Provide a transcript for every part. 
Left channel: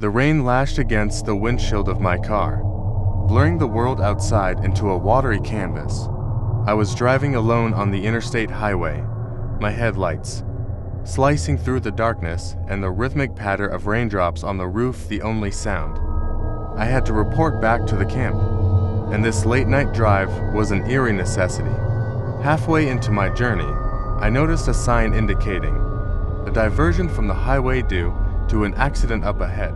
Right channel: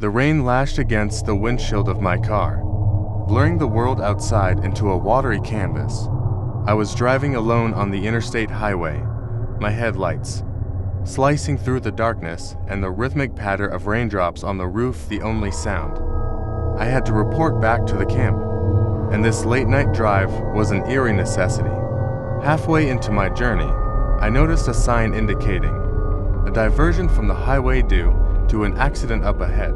The rain lashed against the windshield of my car, blurring the world outside into a watery canvas. I was driving alone on the interstate highway, my headlights slicing through the darkness and the rhythmic patter of raindrops on the roof the only sound. I had to report back to the camp, and this late-night drive was an eerie necessity. Halfway into my journey, I noticed a sign indicating a diversion from the highway due to an accident up ahead.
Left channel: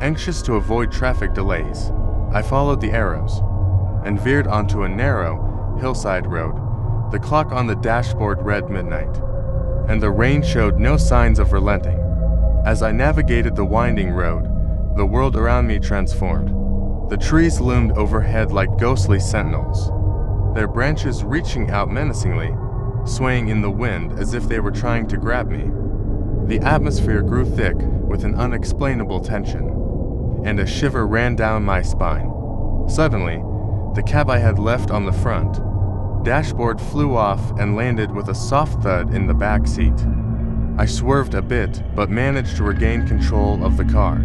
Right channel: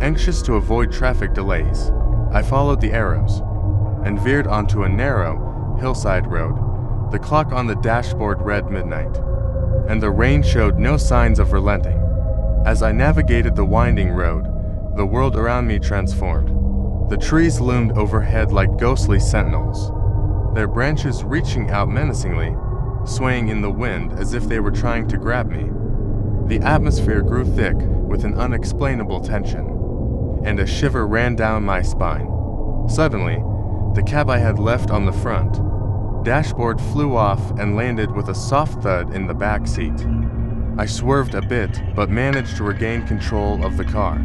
Anxious to avoid traffic delays, I followed the arrows and veered onto a narrow, hillside road. The clock on the dashboard read midnight, and the rain showed no signs of relenting. As I navigated the winding road, the world around me transformed. The trees loomed overhead like ghostly sentinels, their branches reaching out menacingly, swaying in the wind as if they were trying to grab me. The atmosphere grew thick with an unexplainable tension, and a shiver ran down my spine. Suddenly, the cab I had left on the front dashboard flew off and landed with a soft thud in the back seat. I swerved a bit, but managed to regain control of the car.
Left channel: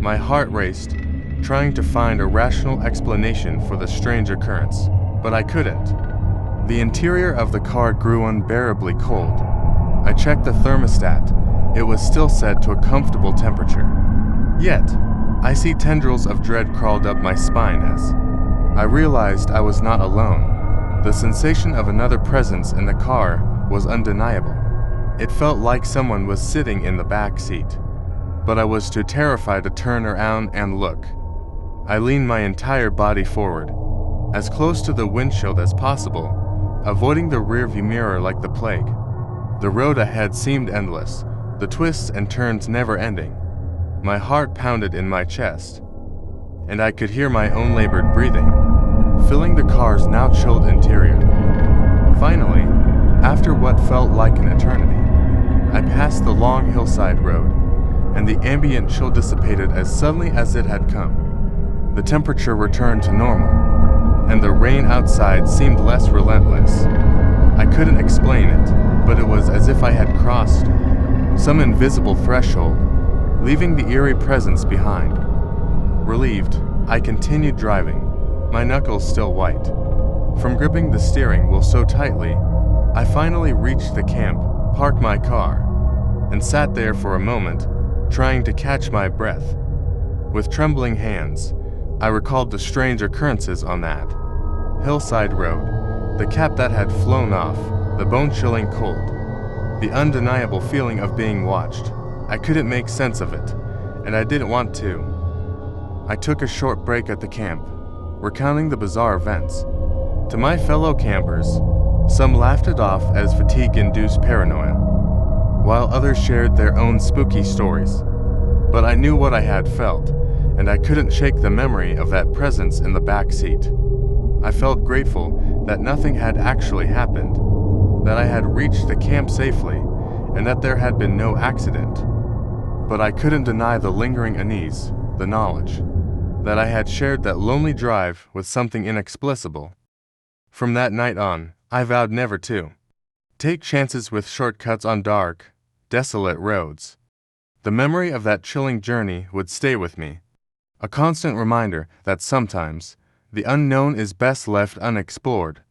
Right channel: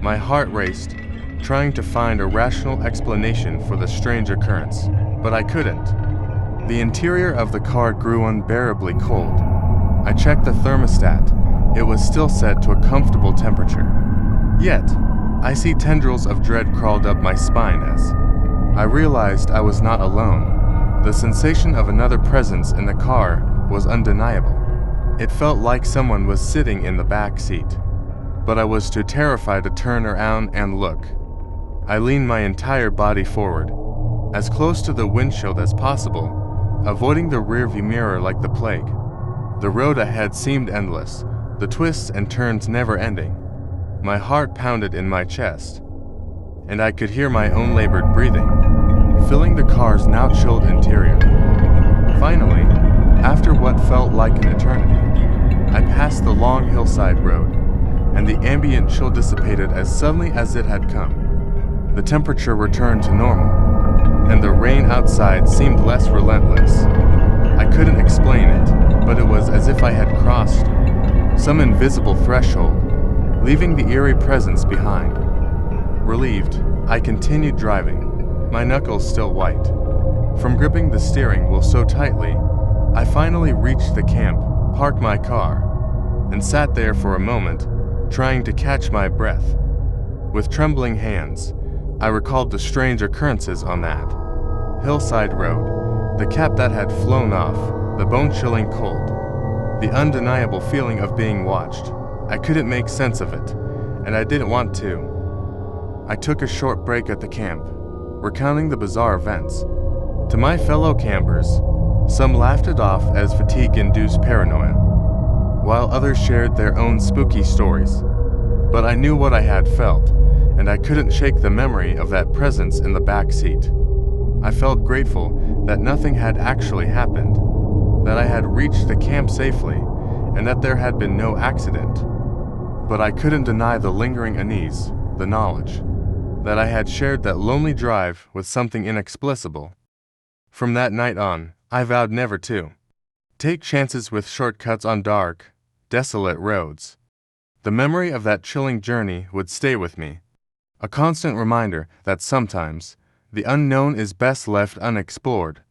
My heart raced, trying to find a rational explanation for the strange occurrence, but I couldn't. The interior of the car grew unbearably cold. I checked the thermostat. It was still set to a comfortable temperature. Yet, icy tendrils of dread crawled up my spine as I realized I was not alone. The sensation of another presence in the car was undeniable. It felt like someone was sitting in the back seat, but I was too terrified to turn around and look. I leaned my entire body forward, as close to the windshield as possible, avoiding the rearview mirror like the plague. The road ahead seemed endless, the twists and turns never ending. My heart pounded in my chest, and I could hear my own labored breathing, filling the car's now chilled interior. Finally, after what felt like an eternity, I passed the long hillside road, and the ambient chill dissipated as suddenly as it had come. The temperature returned to normal, and the rain outside seemed less relentless. I couldn't explain it, but it was as if I had crossed some invisible threshold, leaving the eerie presence behind. Relieved, I continued driving, my knuckles still white from gripping the steering wheel so tightly. I finally reached the camp, parked my car, and sat there for a moment, trying to catch my breath. With trembling hands, I recalled the strange occurrences on that hillside road, the cap that had flown off, the bone-chilling cold, the undeniable feeling of being watched. I couldn't make sense of it, and I didn't want to. I took a short break at the camp, recounting the bizarre events. To my fellow campers, some laughed it off as fatigue-induced paranoia, while others shared their own spooky stories. But I knew what I had felt, and I couldn't shake the memory of that presence in the back seat. I felt grateful that nothing had actually happened, that I had reached the camp safely, and that there had been no accident. But I couldn't deny the lingering unease, the knowledge that I had shared that lonely drive with something inexplicable. From that night on, I vowed never to take chances with shortcuts on dark, desolate roads. The memory of that chilling journey would stay with me, a constant reminder that sometimes the unknown is best left unexplored.